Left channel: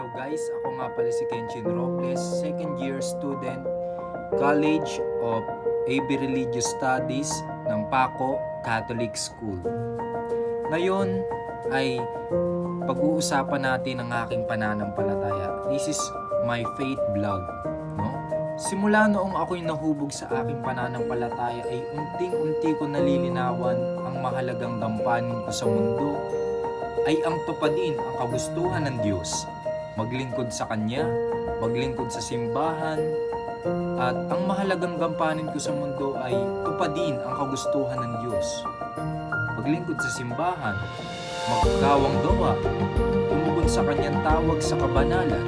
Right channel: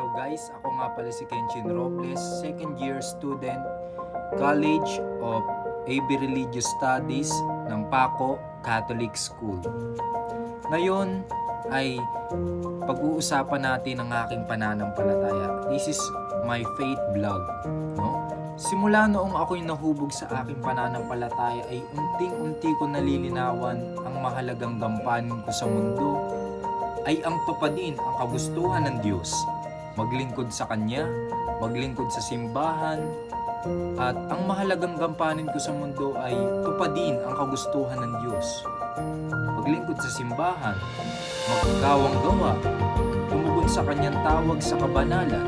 Hello guys, ako nga pala si Kenshin Robles, second year student, College of AB Religious Studies ng Paco Catholic School. Ngayon ay pag-uusapan natin ang aking pananampalataya. This is my faith vlog. No? Simula noong ako'y nahubog sa aking pananampalataya ay unting-unti ko nalilinawan ang mahalagang gampanin ko sa mundo ay ang tupadin ang kagustuhan ng Diyos. Maglingkod sa Kanya, maglingkod sa simbahan, at ang mahalagang gampanin ko sa mundo ay tupadin ang kagustuhan ng Diyos. Maglingkod sa simbahan, magkawang gawa, tumugon sa Kanyang tawag sa kabanalan.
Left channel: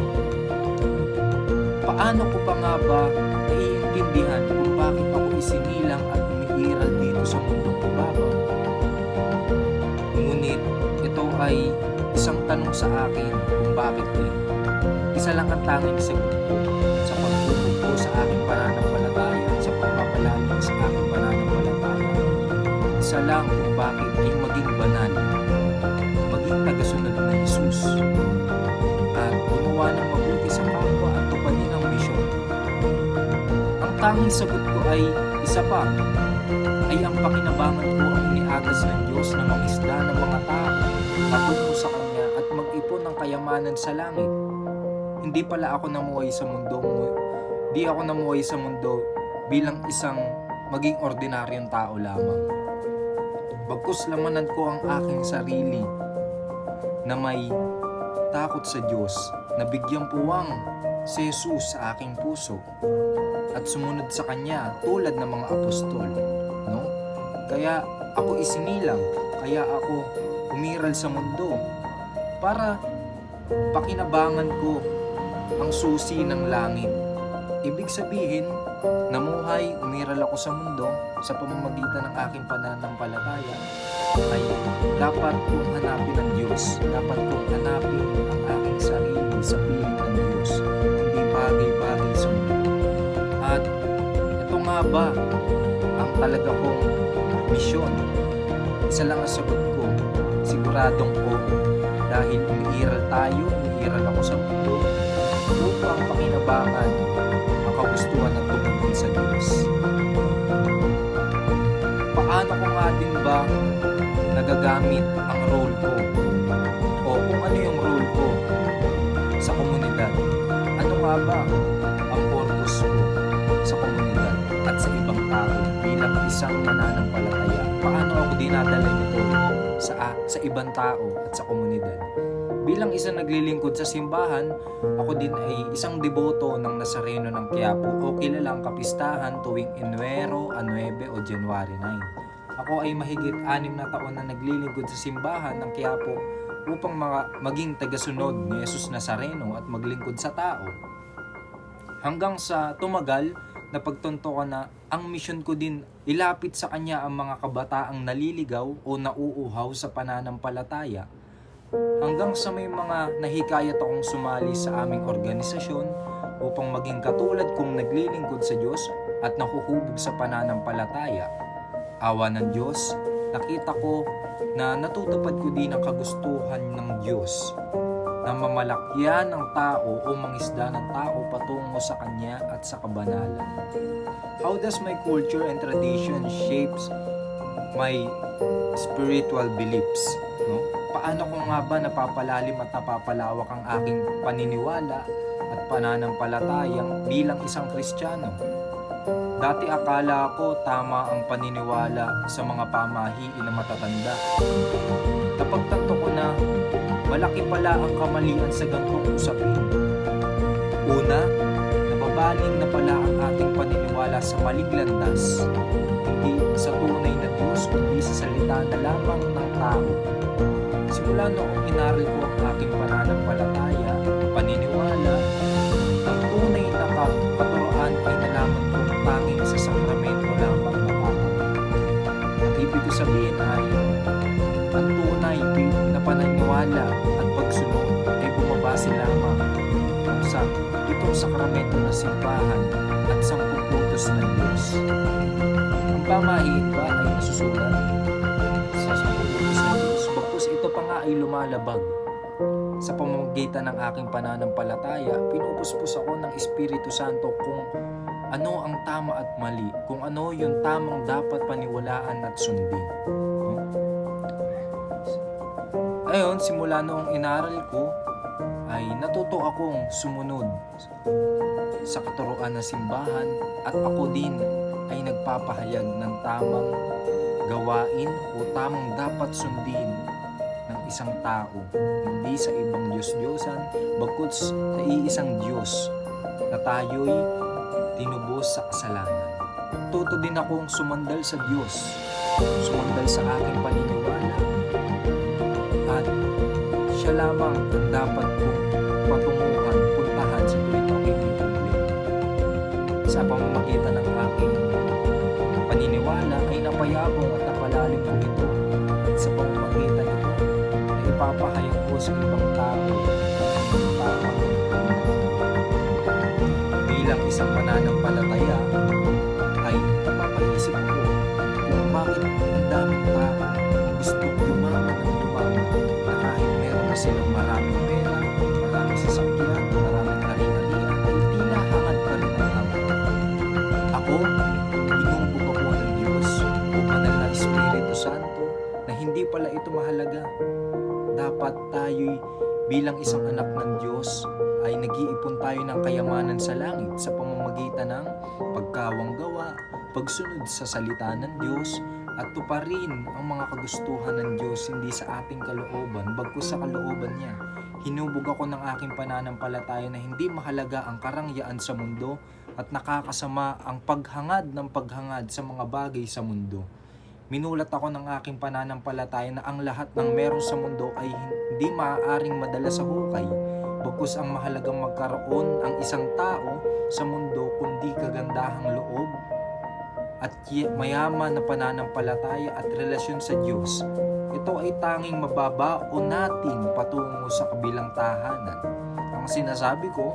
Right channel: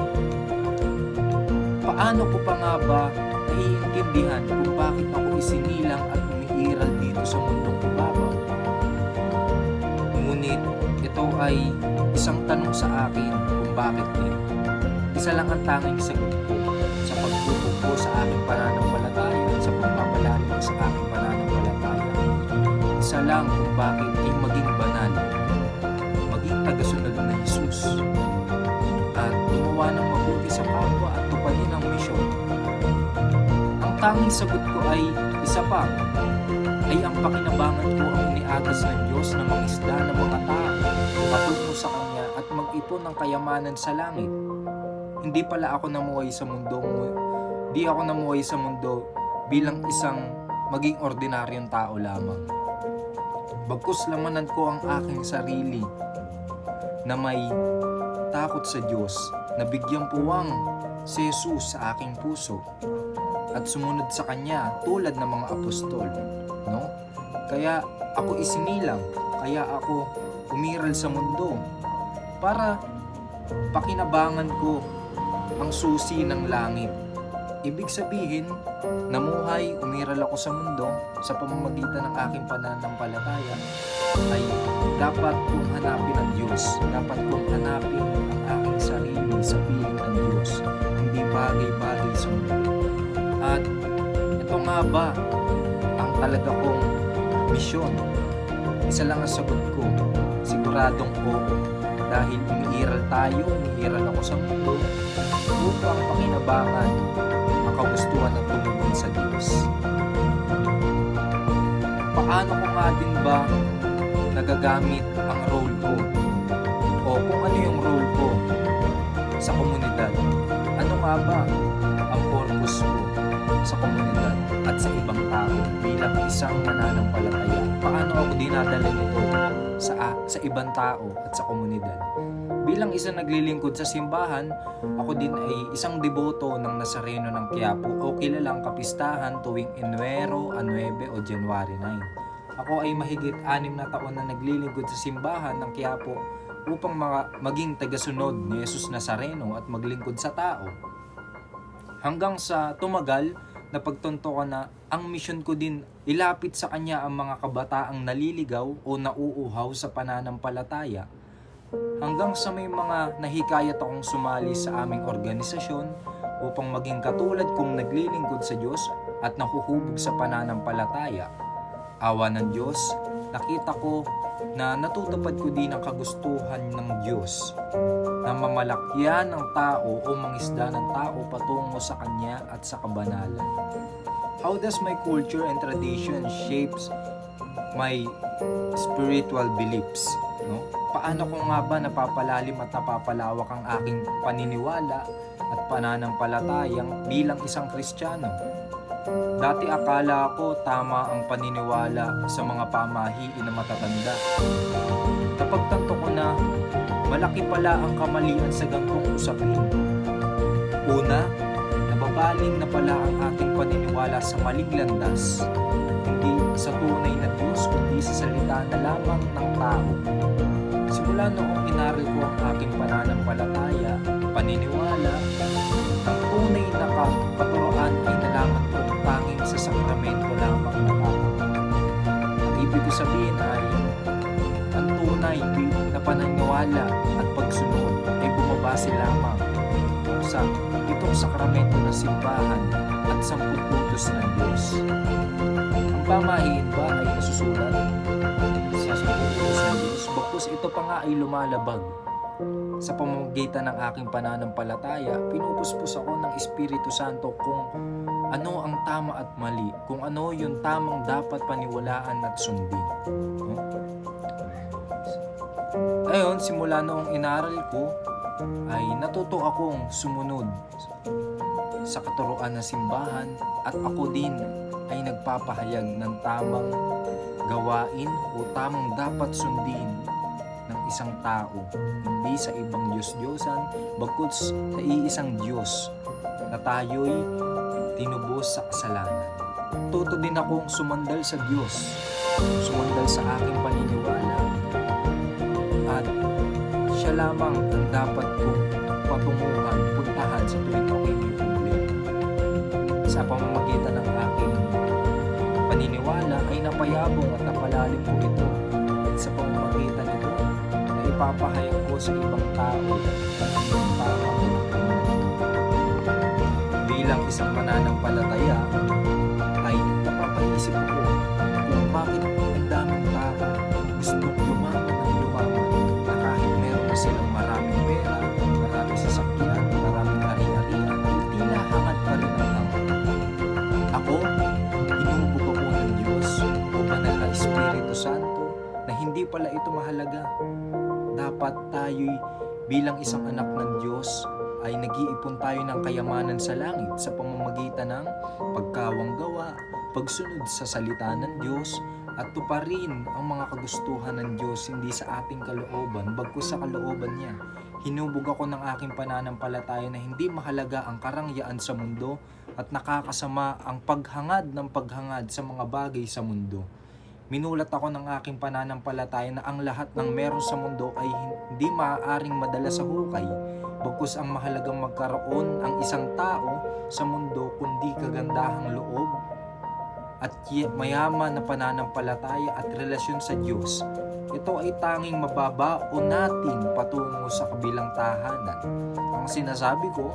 Paano ko pa nga ba naiintindihan kung bakit ako isinilang at umiiral dito sa mundong kubabaw? Ngunit ito ay isang tanong sa akin kung bakit din. Isa lang ang tanging sagot ko sa pagbubog ko sa aking pananampalataya, sa pagpapalalim sa aking pananampalataya. Isa lang kung bakit ay maging banal, maging tagasunod na Jesus, at gumawa ng mabuti sa kapwa at tupadin ang misyon. Ang tanging sagot ko ay isa pa, ay ang pakinabangan ko ang iniagas ng Diyos na mangisda ng mga tao patungo sa Kanya at mag-ipon ng kayamanan sa langit. Hindi pala ako namuhay sa mundo, di ako namuhay sa mundo bilang isang maging ordinaryong tao lamang. Bagkus lamanan ko ang aking sarili na may takot sa Diyos, na bigyang puwang si Jesus sa aking puso at sumunod sa Kanya tulad ng mga apostol. No? Kaya ako isinilang, kaya ako umiral sa mundo para pakinabangan ko ang susi ng langit. Ibig sabihin, namuhay, umiral ako sa mundo sa pamamagitan ng aking pananampalataya ay dapat kong hanapin ang Diyos. Dapat kong hanapin ang aking sarili sa piling ng Diyos, hindi bagay-bagay sa mundo. At ito nga ba ang talaga kong misyon? Isa lang ang sagot ko, siguradong oo. Dahil umiiral ako sa mundo upang pakinabangan ang kagustuhan at tumugon sa Diyos. Paano ko nga din ba nagagamit ang role ko? O kung ano yung role ko sa komunidad? Ano nga ba ang purpose ko sa komunidad at sa ibang tao bilang isang mananampalataya? Paano ako dinadala nito sa ibang tao at sa komunidad? Bilang isang naglilingkod sa simbahan, ako din ay isang deboto ng Nazareno ng Quiapo o kilalang kapistahan tuwing Enero, 9 o January 9. Ako ay mahigit 6 na taon na naglilingkod sa simbahan ng Quiapo upang maging tagasunod ni Jesus Nazareno at maglingkod sa tao. Hanggang sa tumagal na pagtunto ko na ang misyon ko din ilapit sa Kanya ang mga kabataang naliligaw o nauuhaw sa pananampalataya, hanggang sa may mga nahikayat akong sumali sa aming organisasyon upang maging katulad kong naglilingkod sa Diyos at nahuhubog sa pananampalataya. Awa ng Diyos, nakita ko na natutupad ko din ang kagustuhan ng Diyos na mamalakyan ng tao o mangisda ng tao patungo sa Kanya at sa kabanalan. How does my culture and tradition shapes my spiritual beliefs? No? Paano ko nga ba napapalalim at napapalawak ang aking paniniwala at pananampalatayang bilang isang Kristiyano? Dati akala ko tama ang paniniwala sa mga pamahiin na matatanda. Napagtanto ko na malaki pala ang kamalian sa gantong usapin. Una, nababaling na pala ang ating paniniwala sa maling landas, hindi sa tunay na Diyos kundi sa salita na lamang ng tao. Simula noong inaral ko ang aking pananampalataya, paniniwala, ang tunay na katuroan ay nalaman kong tanging sa sakramento lamang natatanggap. Ang ibig ko sabihin ay, ang tunay na paniniwala at pagsunod ay bumabase lamang sa itong sakramento ng simbahan at 10 utos ng Diyos. Ang pamahiin ba ay nasusulat sa 10 utos ng Diyos? Bagkus ito pa nga ay lumalabag Sa pamamagitan ng aking pananampalataya, pinupuspos ako ng Espiritu Santo kung ano ang tama at mali, kung ano yung tamang dapat paniwalaan at sundin. No? Ayun, simula noong inaral ko, ay natuto akong sumunod sa katuruan ng simbahan at ako din ay nagpapahayag ng tamang gawain o tamang dapat sundin ng isang tao, hindi sa ibang Diyos-Diyosan, bagkus sa iisang Diyos na tayo'y tinubos sa kasalanan. Tuto din akong sumandal sa Diyos, sumandal sa aking paniniwala, at siya lamang ang dapat kong patunguhan, puntahan sa tuwing aking may problema. Sa pamamagitan ng aking paniniwala ay napayabong at napalalim ko ito. At sa pamamagitan nito ay ipapahayag ko sa ibang tao ang tamang doktrina. Bilang isang mananampalataya ay napapaisip ko kung bakit ang daming tao gustong yumaman ng yumaman na kahit meron na silang maraming pera, maraming sasakyan, maraming ari-arian, ay tila hangad pa rin ang hangad. Ako, hinubog ako ng Diyos o banal na Espiritu Santo na hindi pala ito mahalaga. Dapat tayo'y bilang isang anak ng Diyos ay nag-iipon tayo ng kayamanan sa langit sa pamamagitan ng pagkawanggawa, pagsunod sa salita ng Diyos, at tuparin ang mga kagustuhan ng Diyos hindi sa ating kalooban, bagkus sa kalooban niya. Hinubog ako ng aking pananampalataya na hindi mahalaga ang karangyaan sa mundo at nakakasama ang paghangad ng paghangad sa mga bagay sa mundo. Minulat ako ng aking pananampalataya na ang lahat ng meron sa mundo ay hindi maaaring madala sa hukay, bagkus ang mahalagang magkaroon ang isang tao sa mundo kundi kagandahang loob at mayaman na pananampalataya at relasyon sa Diyos. Ito ay tanging mababaon natin patungo sa kabilang tahanan. Ang sinasabi ko,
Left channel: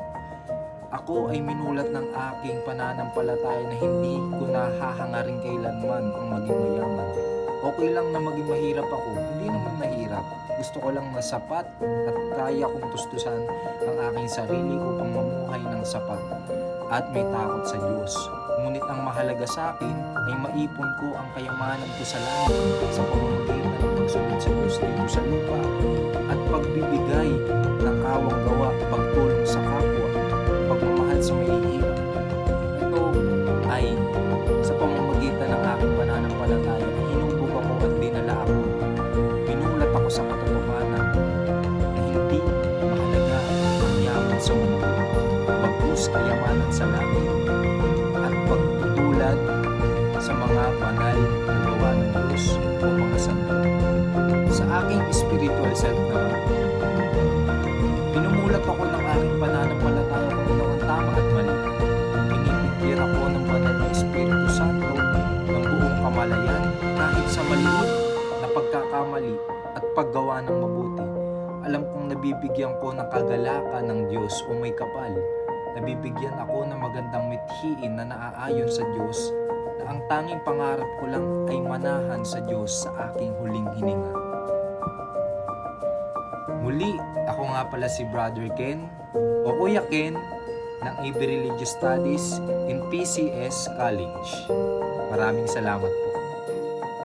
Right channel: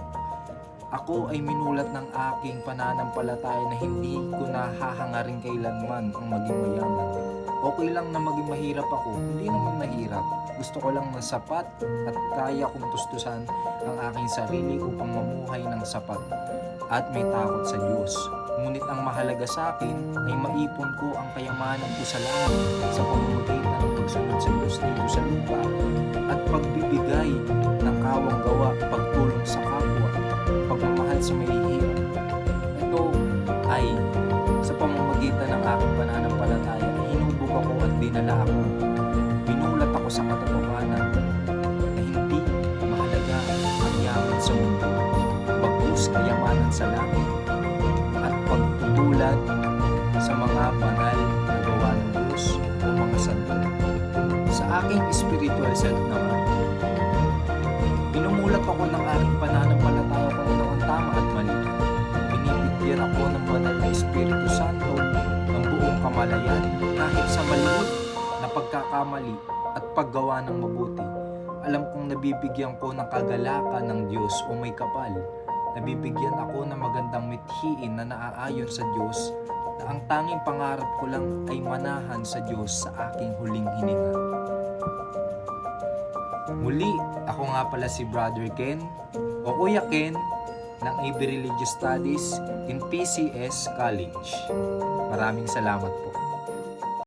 ako ay minulat ng aking pananampalataya na hindi ko nahahangarin kailanman ang maging mayaman. Okay lang na maging mahirap ako, hindi naman mahirap. Gusto ko lang na sapat at kaya kong tustusan ang aking sarili upang mamuhay ng sapat at may takot sa Diyos. Ngunit ang mahalaga sa akin ay maipon ko ang kayamanan ko sa langit sa pamamagitan ng pagsunod sa Diyos dito sa lupa at pagbibigay ng kawanggawa, pagtulong sa kapwa, pagmamahal sa mahihirap. Ito ay sa pamamagitan ng aking pananampalataya, hinubog ako at dinala ako. Binulat ako sa katotohanan na hindi mahalaga ang yaman sa mundo, bagkus kayamanan sa langit at pagtutulad sa mga banal na gawa ng Diyos o mga santo. Sa aking spiritual self naman, pinumulat ako ng aking pananampalataya kung ano ang tama at mali. Binibigyan ako ng banal na Espiritu Santo ng buong kamalayan kahit sa maliit na pagkakamali at paggawa ng mabuti. Alam kong nabibigyan ko ng kagalakan ng Diyos o may kapal. Nabibigyan ako ng magandang mithiin na naaayon sa Diyos na ang tanging pangarap ko lang ay manahan sa Diyos sa aking huling hininga. Muli, ako nga pala si Brother Ken o Kuya Ken ng AB Religious Studies in PCS College. Maraming salamat po.